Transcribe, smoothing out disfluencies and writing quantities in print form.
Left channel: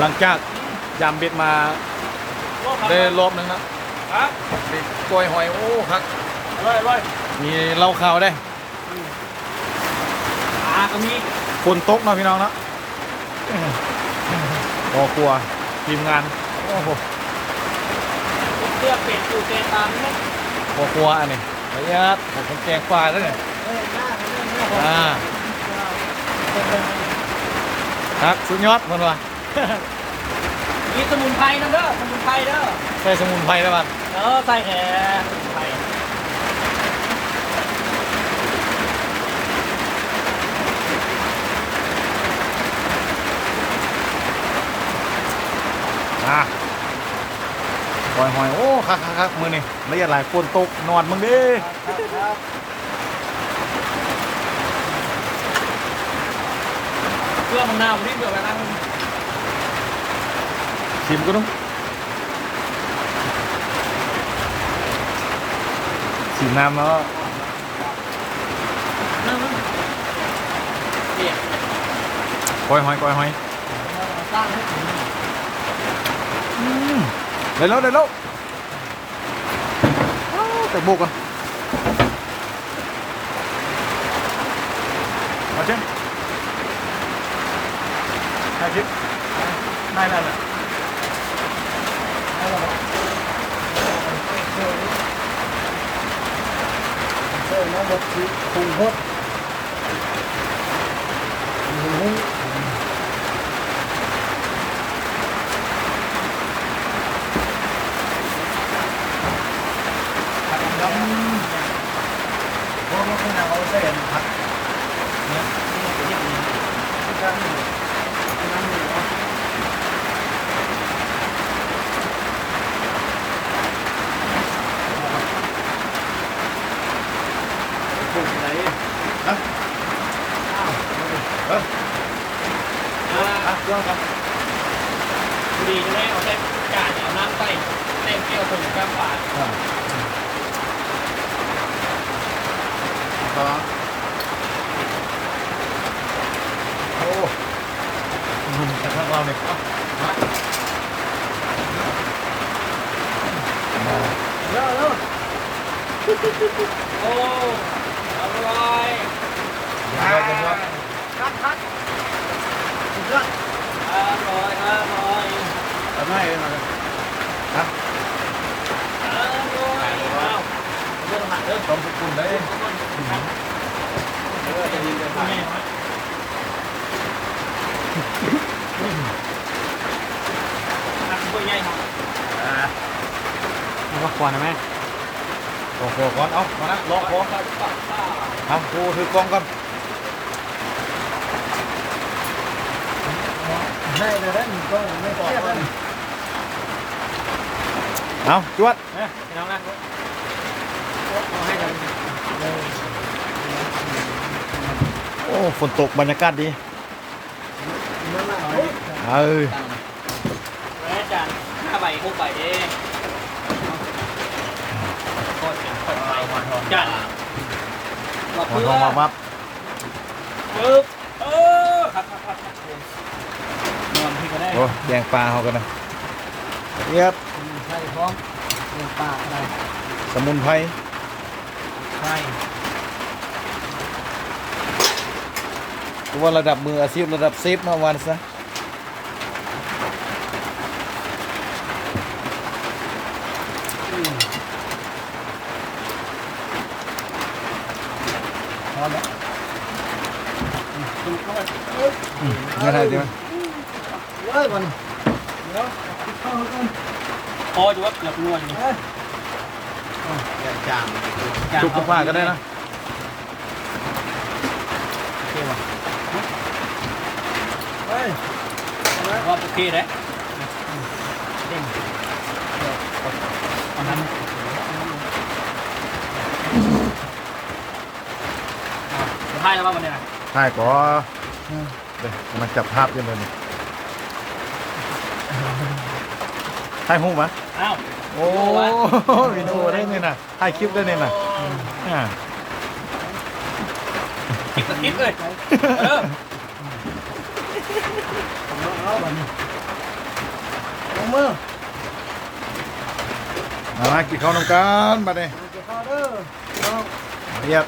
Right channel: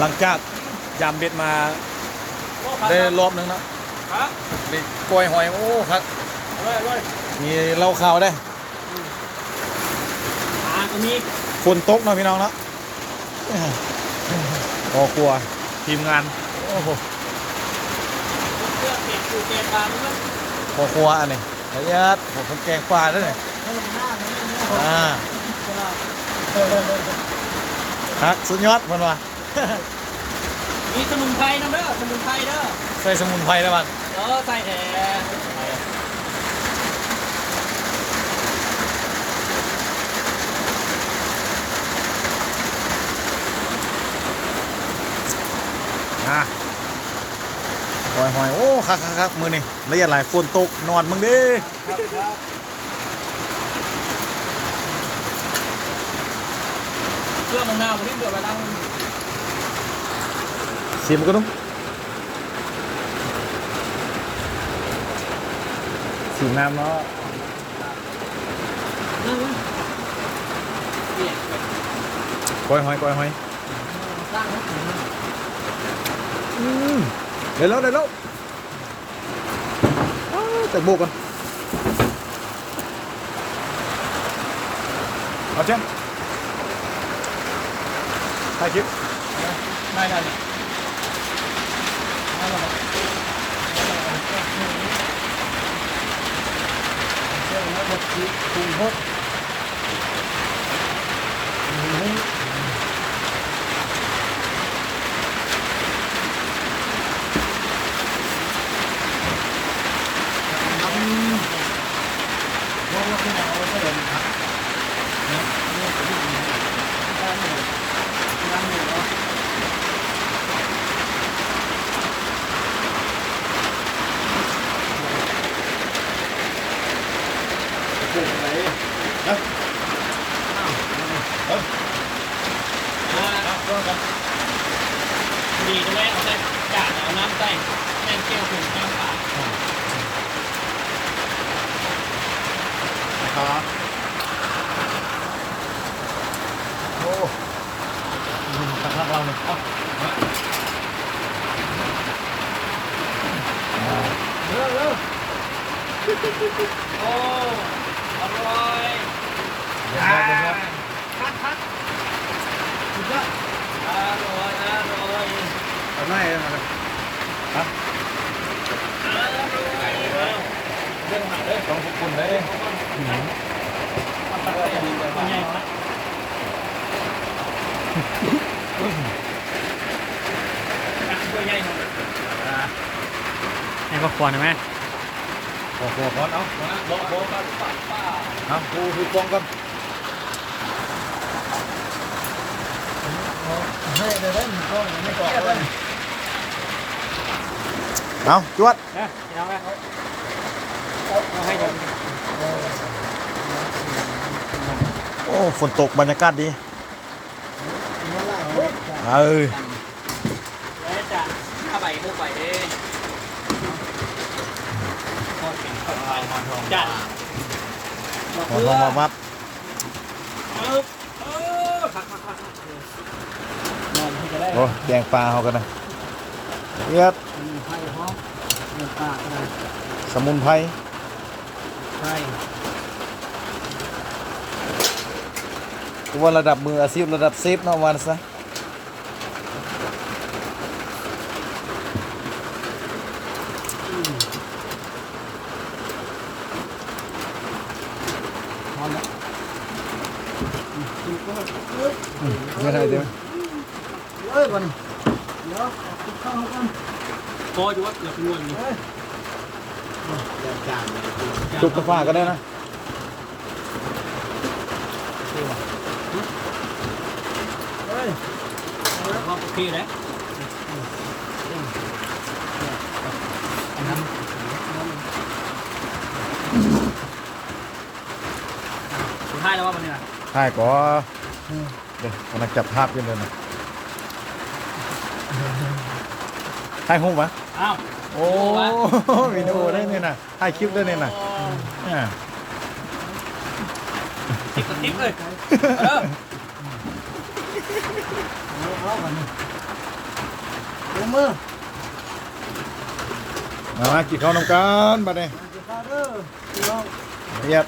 หลังจากยำเบ็ดมาได้รอบนึงนะได้กล้วยหอยโอ้ครับมีเหล้าขาวได้ก็มีคนตกเนาะพี่น้องเนาะพอครัวทีมงานโอ้โหเพื่อเป็ดอยู่แกงบางมั้ยพอครัวอันนี้ละเอียดผมคนแกงปลาด้วยเนี่ยครับสุดยอดมันว่ะมีสมุนไพรนะเด้อสมุนไพรเด้อใส่สมุนไพรได้บ้างใส่แหน่หอยโอ้คักมือนี่ละเอียดหลายฝนตกนอนมึงดิเพื่อมะนาวที่เบื่อไปนั่งชิมก็ต้องชิมน้ำเนาะกอยหอยได้แล้วแต่บุกกันเอาเช่นเอาชิได้เลยแล้วบดคุงเพิ่มว่ามันเป็นเอาใช่ไหมครับเนี่ยนี่เป็นที่ดีที่การหนึ่งเนาะปลูกไหนนะเรื่องกันดีแน่เอาแต่กาดเอาน้ำใส่แน่นเกี่ยวถึงน้ำป่าครับโอ้แต่พวกเราเนี่ยเลิกโอ้อร่อยคัดสุดยอดอร่อยเอาหน่อยมาเลยนะอร่อยเรื่องหมักเรื่องต้องคุณได้ใหญ่ไหมตัวใหญ่หน่อยให้พวกควรไหมขอก่อนเอามานะรอขอเอากูถือกล้องก่อนให้เดี๋ยวได้ก็ไม่เทียบกันเอาจวดพี่น้องนะให้กันโอ้ฝนตกบรรยากาศดีจาน5 ใบ6 ใบเองโคตรเป็นคนไปจานหัวทองมาวับนอนพี่ก็ได้โอ้แดงปลาเขากันนะเรียบสมุนไพรตัวระดับมืออาชีพระดับเซฟเนาะวันซะยังไงดีมั้ยพอจะว่าเกือบนวลนี่จุกกระฟ้าก็ได้นะว่าโอเคเลยถ่ายแล้วว่าวันนี้ถ่ายก่อนเดี๋ยวมันจับภาพยังไงมันถ่ายหูปะอ้าวโอ้วิดีโอได้เนี่ยนะถ่ายคลิปได้เนี่ยนะคลิปเลย ผมมือ มากินข้าวนำกันบัดนี้ จะเข้าเด้อพี่น้อง ละเอียด